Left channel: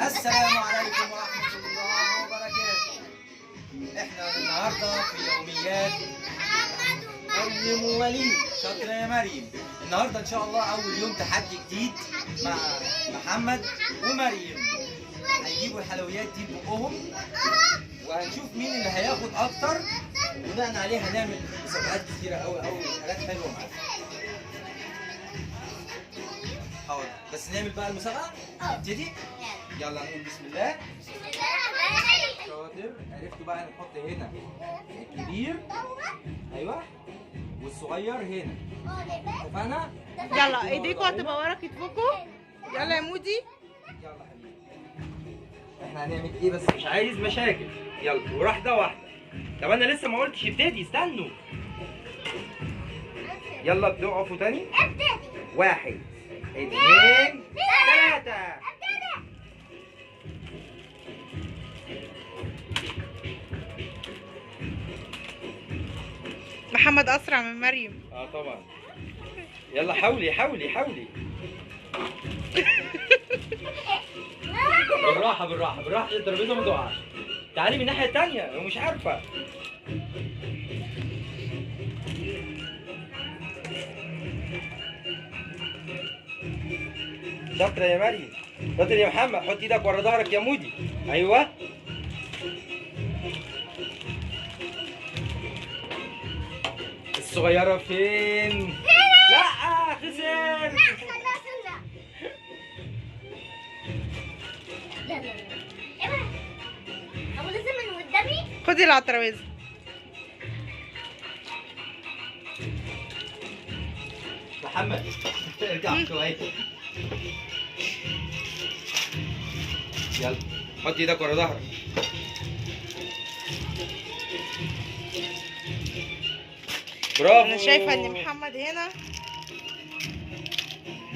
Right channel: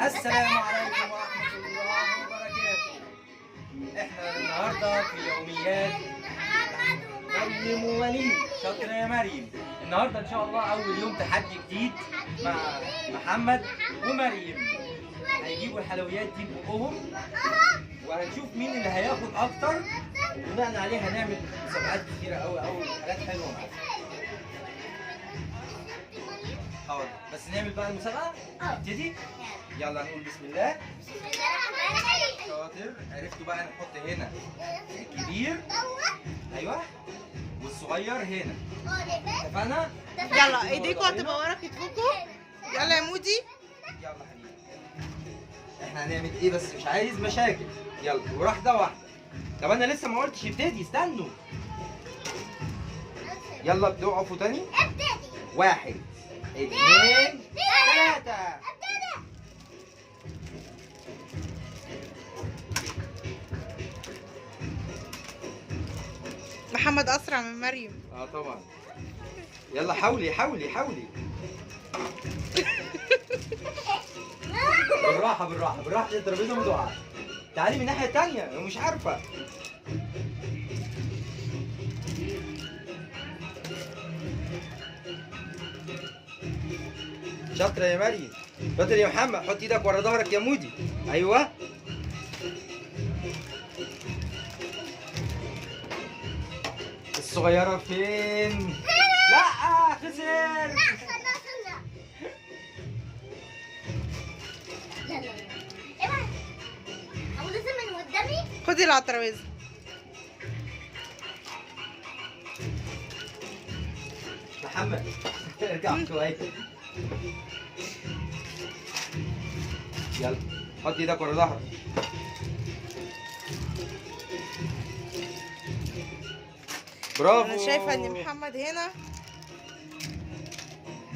السلام عليكم ورحمة الله وبركاته. احنا النهارده في يوميات مريم ووليد. شاطرة يا مريم. النهارده ان شاء الله اول يوم تحدي جديد مع محمد ومريم. هيجيبوا الحلويات دي ببقهم وهنشوف مين اللي هياخد اكتر، وبناء عليه هنعمل مسابقات كتيرة قوي وحاجات حلوة معانا. حاضر، بس نعمل بقى المسابقة. نبتدي. يلا نقول بسم الله. شاطر. عرفتوا بقى نحط هنا الكبير، ايوه، والصغير هنا. اتفقنا؟ يلا ايديكوا هتبقى ورا كتفكوا. يلا يا مودي. يلا حبيبي. احنا هنعمل ايه بس مش عايز مشاكل. يلا واحدة واحدة. طب انا لسه ما قلتش ابتدي، استنوا. يلا ابتدوا. اقفوا تاني. 1 2 3. محمد اسرع من مريم. طبعا. يلا حاولي حاولي حاولي. بالراحة بالراحة بالراحة عشان الترابيزة ما تقعش. تعالي من الناحية التانية، هو مش عارفة. شاطرة يا مريم. شاطر يا محمد. حط ايدك ورا ظهرك يا مودي. ايوه. الصغيرة فين؟ لا خسر. لا خلاص. يلا يلا. هو لازم من قدامي؟ خدي اللي على الترابيزه. محمد ارجع كويس. يلا حط ايدك ورا ظهرك. برافو. انا شايفه ان محمد هنا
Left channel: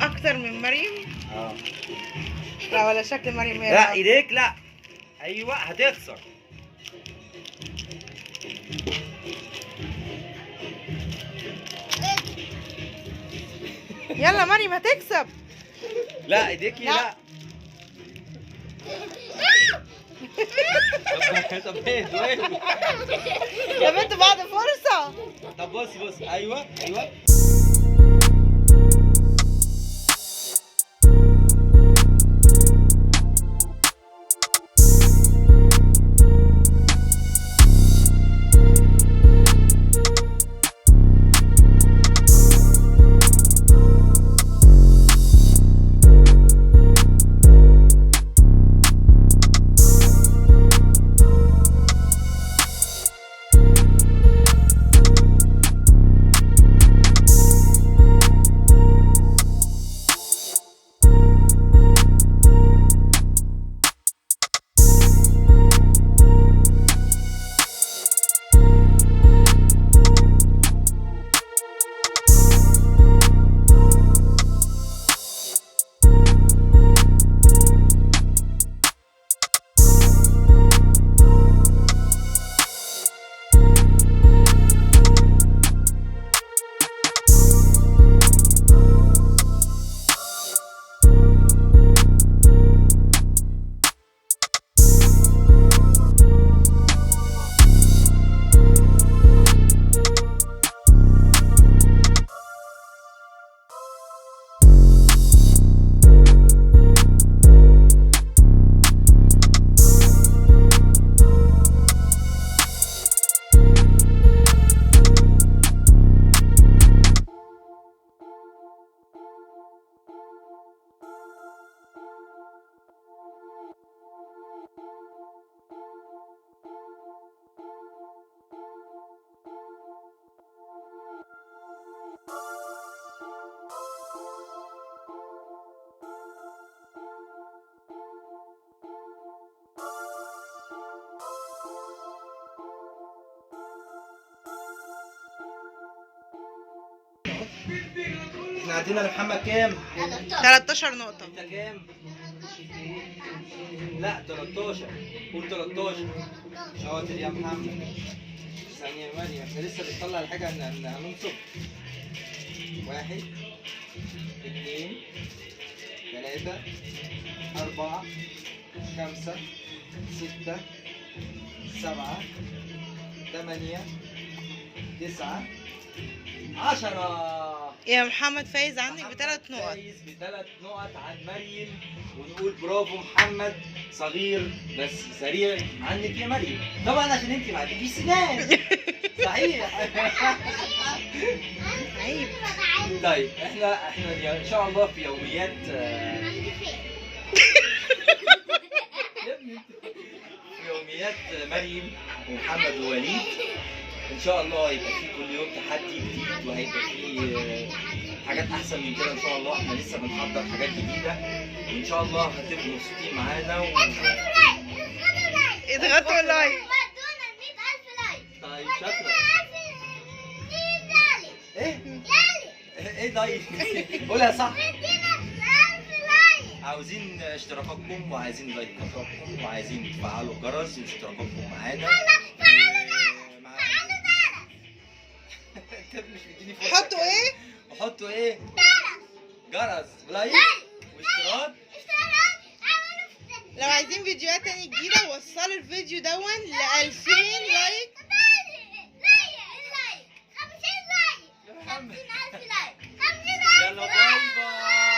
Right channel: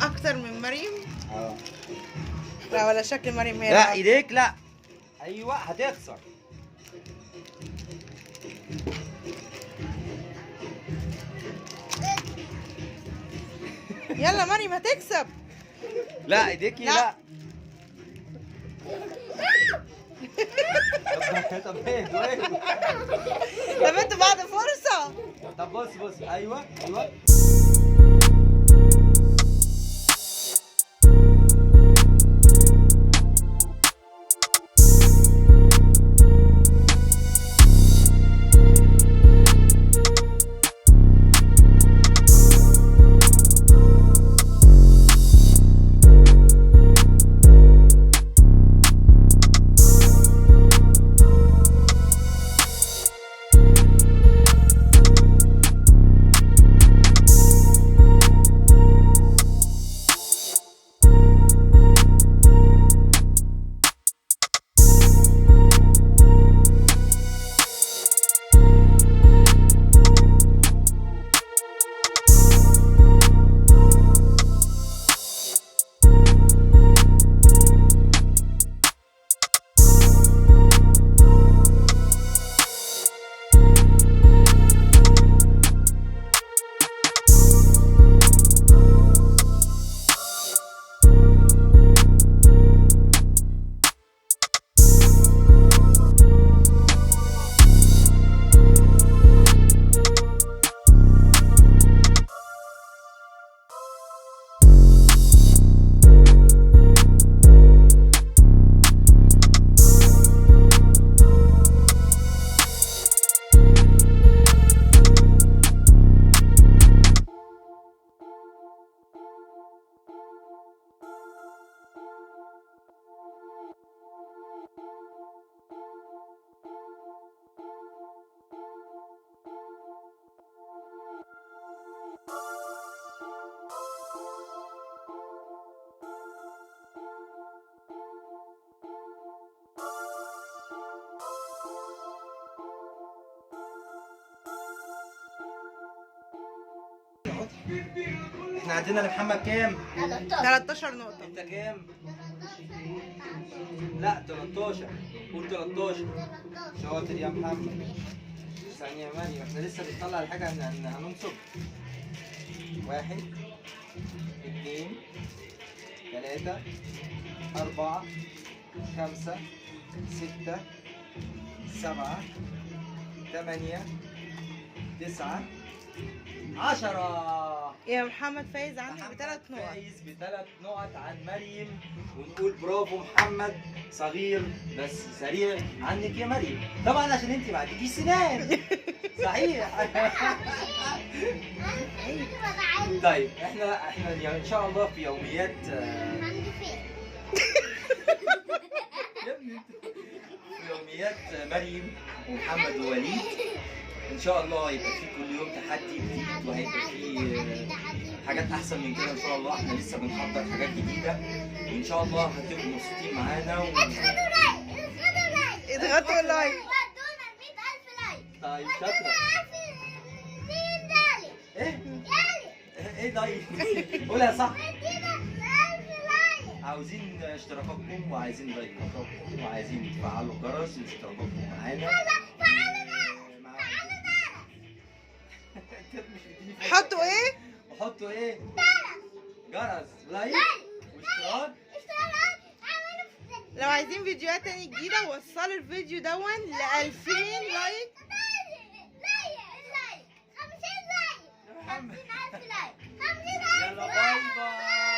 اكتر من مريم. لا ولا شكل مريم هنا. لا ايديك لا. ايوه هتخسر. يلا مريم هتكسب. لا ايديك لا. طب ايه يا بنت بعد فرصه. طب بص بص. ايوه ايوه. احنا عندنا لمحمد كام؟ 13 نقطة. انت كام؟ لا 13. قول 13. شاطر يا محمد. ثانية يا مريم، احنا لسه بنطلع الحاجة هننصب. 1 2 3 4 5 6 7 8 9 10. يا محمد فايز عنك ب3 نقط. فايز ب3 نقط عن مريم، ونقول برافو محمد صغير بس سريع عنك يا مريم، طبعا عشان انت ما عندكيش سنان. صحيح. عيب. طيب احنا ان شاء الله في يوميات عندي فين؟ يا ابني في يوميات مريم ومحمد ووليد ان شاء الله هيبقى في كل يوم تحدي جديد، وهيبقى في حاجات احسن من كده ان شاء الله. احنا لسه بنحضر حاجات جديده، وان شاء الله هتبقوا مبسوطين معانا اضغطوا لايك. ودونا 100,000 لايك. طيب شاطره. ايه يالي ايه لايك؟ قولها صح. ادينا 1000 لايك. عاوزين اشتراكاتكم، وعايزين لايكاتكم، وعايزين تفعلوا الجرس واشتراكاتكم معانا. فعلوا الجرس. فعلوا الجرس. انت مش بتديني فرصة حطوا كمان. ايه؟ وحطوا ايه؟ جرس. جرس ولايك واشتراك. اشتراك. اعملوا لو عايزين فيديوهات تاني جديدة وصلوا الفيديو دون ل2000 لايك